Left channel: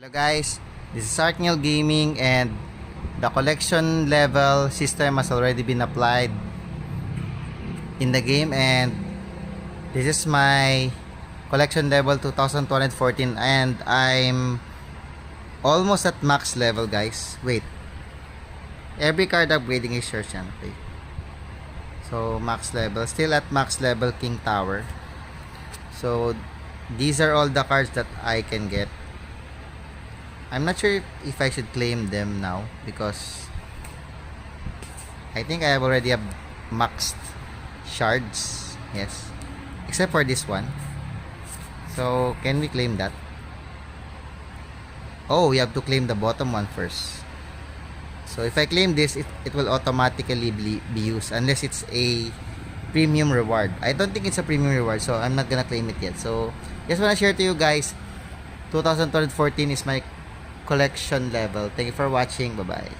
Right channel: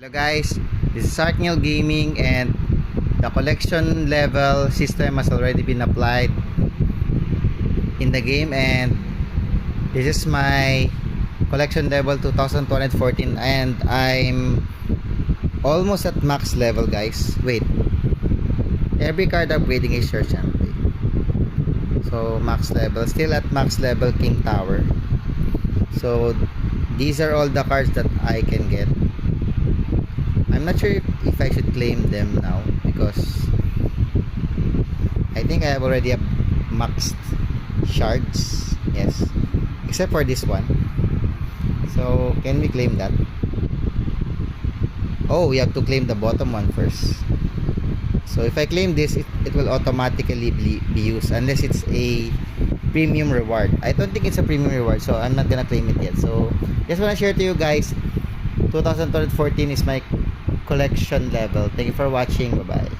Hello guys, this is Arkneil Gaming and the collection level system has already been applied in the game, and this is my collection level 2014 and I'm almost at max level guys. Wait, every card upgrading is search and play. So max level, still at max level King Tower. So these are all the cards that I can get. I'm not sure if I should claim them now because I think I have already maxed shards. Yes, except for this one. So can we claim that? Oh, we have to claim the bottom one first. So if I claim this, it will automatically be used unless it's a premium reward. I don't think it's a premium reward, so I'm not gonna claim it yet. So just wanna share to you guys, 2014 is my collection level. Thank you for watching. Bye bye.